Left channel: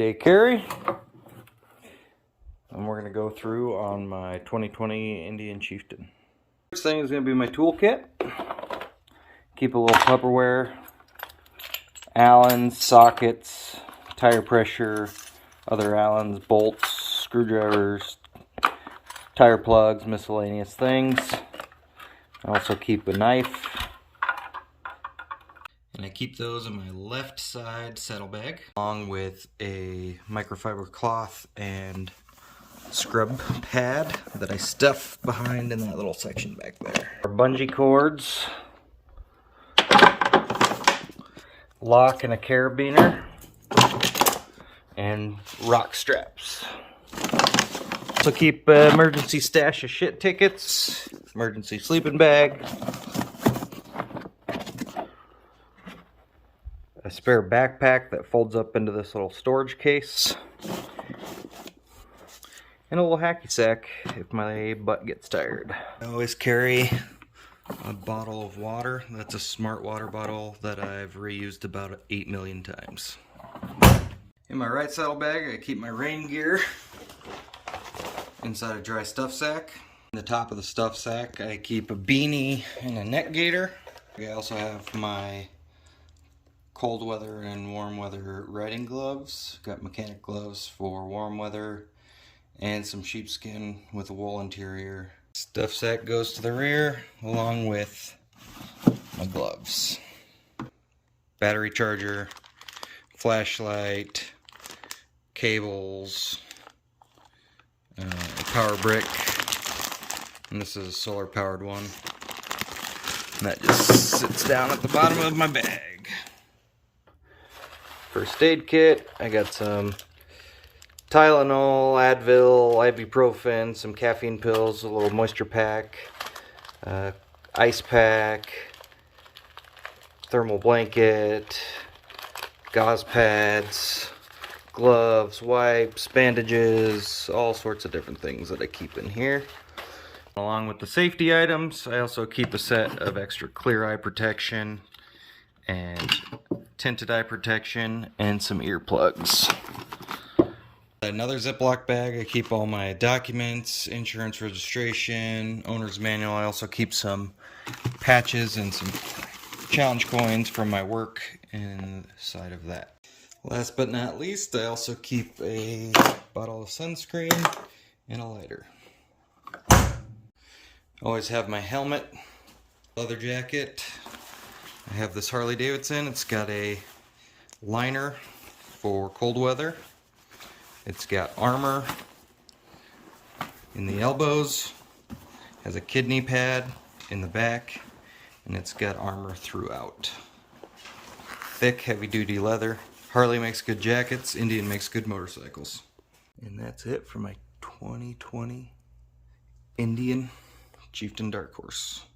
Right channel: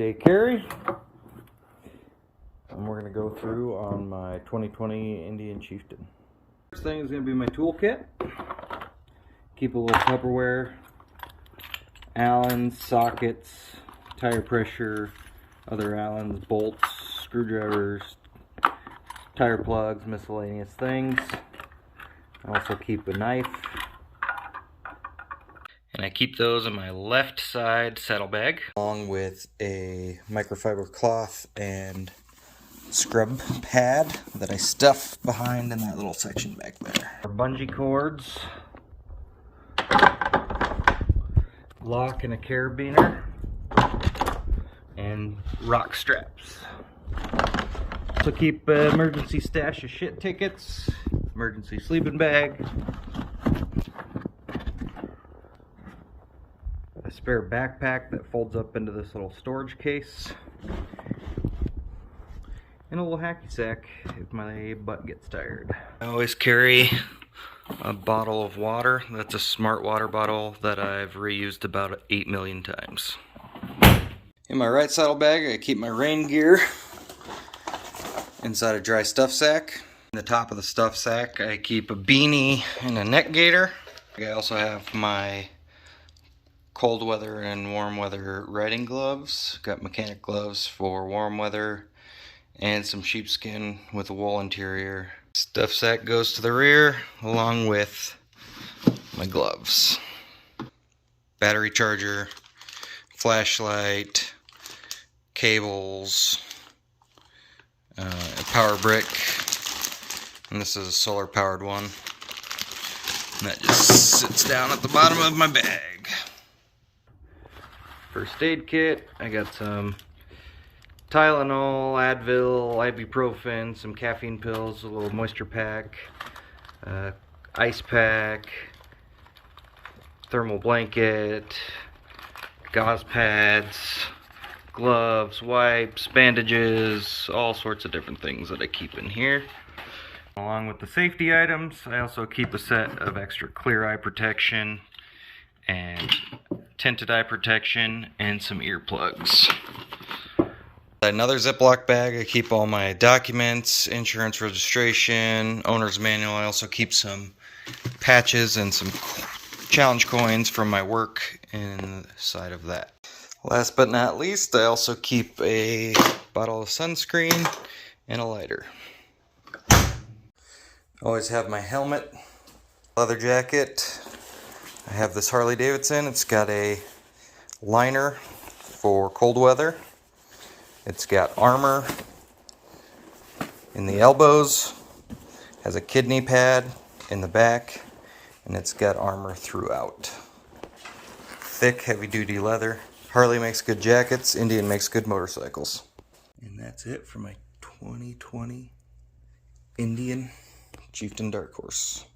everyday carry. And we're going to go through on my 2020 Indian Chieftain. First thing is going to be my toolkit. Keep a little Tupperware, Allens, sockets, tire pressure, other Allens, bolts, screwdrivers, tire plugs, miscellaneous things. I also keep a knife. And I keep those in my left side saddlebag, along with a microfiber cloth and scrub pad that I stuff behind in that little section back there. Our bungee cords, lock and a carabiner, and rock straps. So keep emergency stash of shit tickets, emergency sleeping bag, a spare backpack that folds up into this little storage case, and a little hacky sack if my butt gets tired. I always carry a bottle of water. That's a smart water bottle that I've reused about 8 million times. In my right saddlebag, I keep my rain gear inside a dry stuff sack. In the top of the stuff sack, I keep a beanie and a neck gaiter. I also have my cold weather and warm weather riding gloves. Got mechanic gloves for warm weather and some sheepskin with a wool interior. Stuff sack goes to the rear along with my gloves. Battery charger, flashlight, cables, a power brick, and this is a solar powered one. And that just sits down at the bottom of my bag. First aid kit, I got some Tylenol, Advil, ibuprofen, some caffeine pills, a little moisture pack, ice pack, thermal blanket, gauze pads, gloves, wipes, bandages, all sorts of different things that I keep in here. Along with the safety items, I also keep a set of extra clear eye protection and tinted eye protection and some earplugs. Another Ziploc bag, I keep all my documents, insurance registration, owner's manual. I also keep some patches and some challenge coins from my work inside of that. Last but not least, I also keep a bottle of sunscreen and a lighter. Always have my helmet, leather jacket. I have this Harley Davidson. It's got a liner for cold weather. It's got armor in the elbows, has a kidney pad in the back, and it's got armor throughout. Thick, heavy-duty leather. Harley makes good jackets, Indian makes good motorcycles. And that's it for my 2020 Indian Chieftain Dark Horse.